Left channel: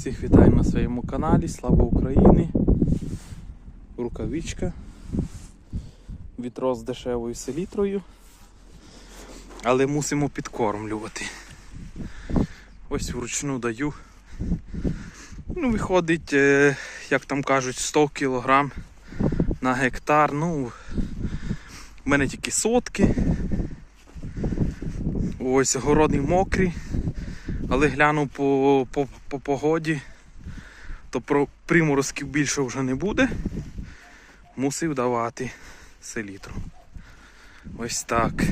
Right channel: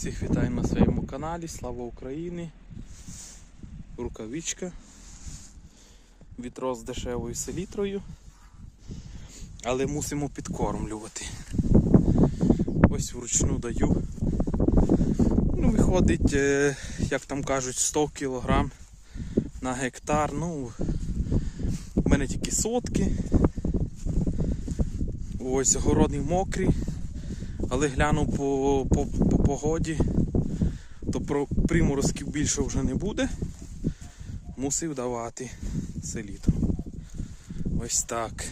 Всіх вітаю на своєму каналі. Слава Україні! Рукавичка. Відро з дешевою селітрою. Але мусимо підкормлювати. Ось вручну даю. Ну, виходить, е, як там кажуть, 100 кг на гектар. Ну, у мене тільки сотки. Ось городний мокрий. Але гляну по, по, по погоді, то про приморозків більше вже не буде. Мусив давати селітру. Ось так.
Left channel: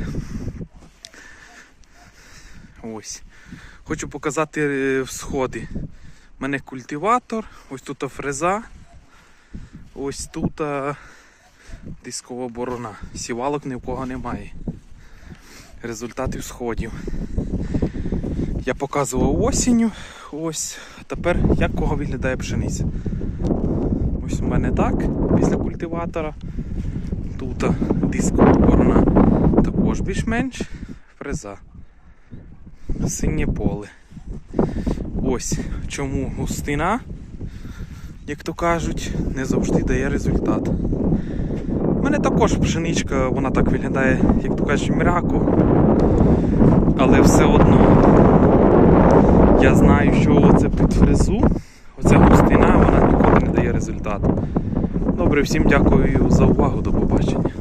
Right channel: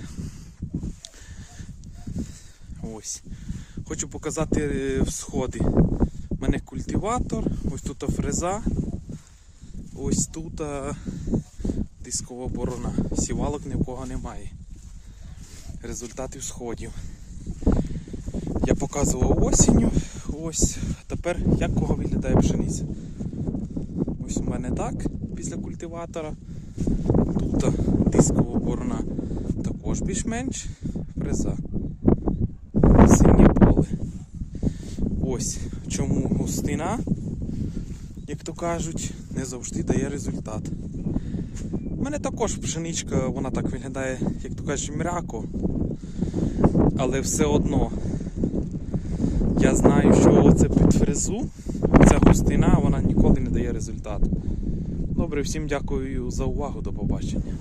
Ось. Хочу показати е, всходи. У мене культиватор, ось тут фреза, ось тут дискова борона. Сівалок ні в кого немає. Результати всходів. Я показував осінню. Ось тепер як кого виглядає пшениця. Ось у мене так, після культиватора. Тут дискова борона також більш-менш фреза. Синє поле. Ось чому густина, як то кажуть, не завжди дає результат. У мене також пшеничка, вона так виглядає, як то кажуть, м'яко. Але все одно я знаю, що це під фрезу, ця густина, вона ніколи не дає результату. Добре, всім дякую за увагу, до побачення.